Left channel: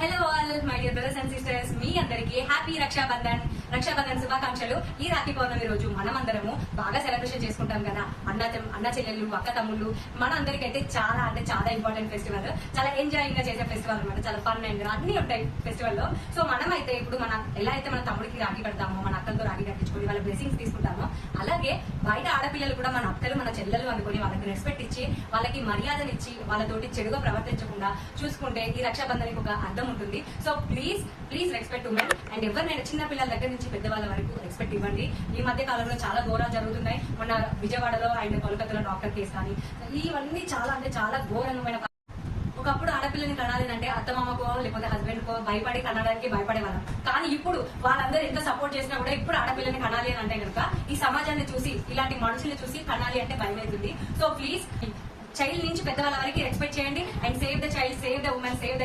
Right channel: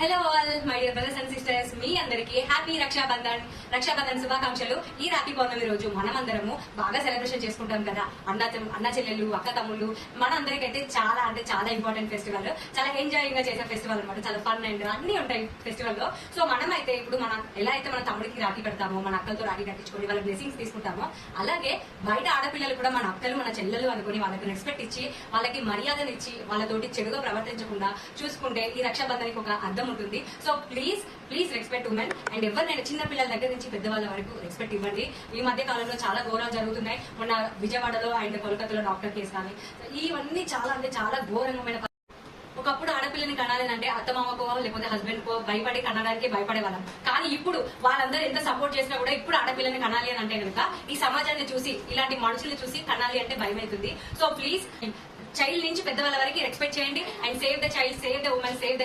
Hello all my dear brothers and sisters, మీ అందరికి happy Rakshabandhan శుభాకాంక్షలు. ఈ రాఖీ పౌర్ణమి రోజు మనమందరము బాగా సెలబ్రేషన్ చేసుకుంటాం కదా. అన్న చెల్లెళ్ళు, అక్క తమ్ముళ్ళు, మన అందరికైతే చాలా అంటే చాలా ఇంపార్టెంట్ ఫెస్టివల్, చాలా ఎంజాయింగ్ గా చేసే ఫెస్టివల్ అనమాట. చాలా ఫన్ అండ్ అన్ని ఉంటాయి ఫెస్టివల్ లో. సో మనమైతే ఇప్పుడు మనం ఎలా అయితే మన తమ్ముడికి రాఖీ కడతామో, మన అక్కలతో రాఖీ కట్టించుకొని వాళ్ళ బ్లెస్సింగ్స్ తీసుకుంటామో, అలాగే బయట ఆడపిల్లలు కూడా మన అక్కలు మన చెల్లెలు అనుకుని వాళ్ళకి రెస్పెక్ట్ ఇచ్చి, వాళ్ళకి మర్యాదనిచ్చి, వాళ్ళతోటి చెడుగా ప్రవర్తించకుండా చూసుకుంటే ఈ రక్షాబంధనికి ఒక అర్థం ఉంటుంది. So please respect women and ఎవరినైనా చిన్న పిల్లల దగ్గర నుంచి పెద్దవాళ్ళ వరకు రెస్పెక్ట్ ఇవ్వండి. ఈ మధ్య కాలంలో చాలా ఘోరాలు జరుగుతున్నాయి. మొన్న విజయవాడలో అండ్ కోల్కతాలో డాక్టర్ కేసు కానీ ఇవన్నీ చాలా అంటే చాలా ఘోరమైన. ఒకప్పుడు ఆడపిల్లని కనాలంటే అత్తమామకో లేకపోతే హస్బెండ్ కో భయపడి కనడానికి భయపడేవాళ్ళం. కానీ ఇప్పుడు వాళ్ళందరూ ఎంత సపోర్ట్ చేసినా కూడా ఇప్పుడు ఆడపిల్లని కనాలి అని అంటే కనుక ఈ సమాజాన్ని చూసి, ఇలాంటి మనుషుల్ని చూసి కనాలి అంటే భయం అవుతుంది. సో ప్లీజ్ చైల్డ్ నుంచి పెద్దవాళ్ళ వరకు రెస్పెక్ట్ చేయండి and save the child, save the women, save the